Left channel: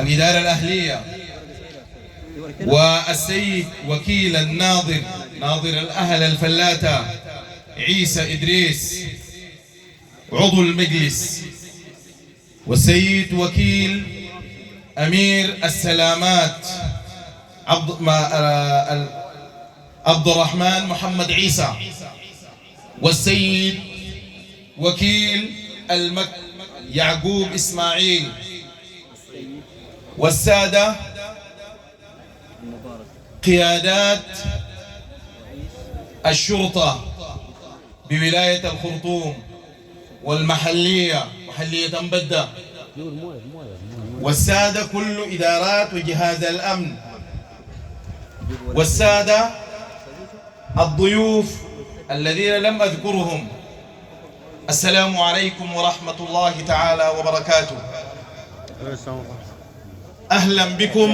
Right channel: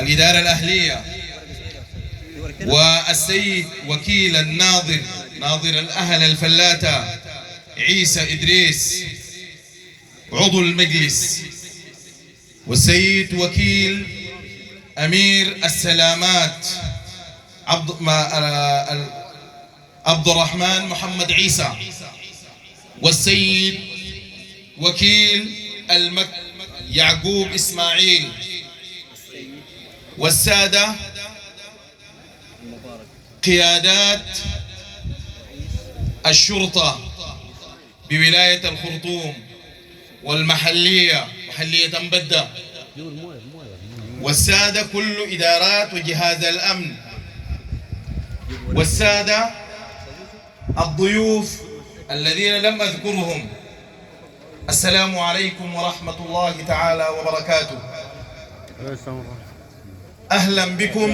الإدارة الأهلية، والسيد وكيل ناظر الأهل الفلاتة عيسى إدريس عضو المجلس، والسيد وكيل أمير السلامات عبد الرحمن محمد عيسى، والسيد وكيل يعقوب إسماعيل، والسادة قيادات الشرطة بولاية الخرطوم والمحلية، محلية أنبدة، والسادة كل إدارات وجهاز الأمن، والسادة الضيوف الذين لم أذكرهم، السلام عليكم ورحمة الله تعالى وبركاته. أهلا بكم.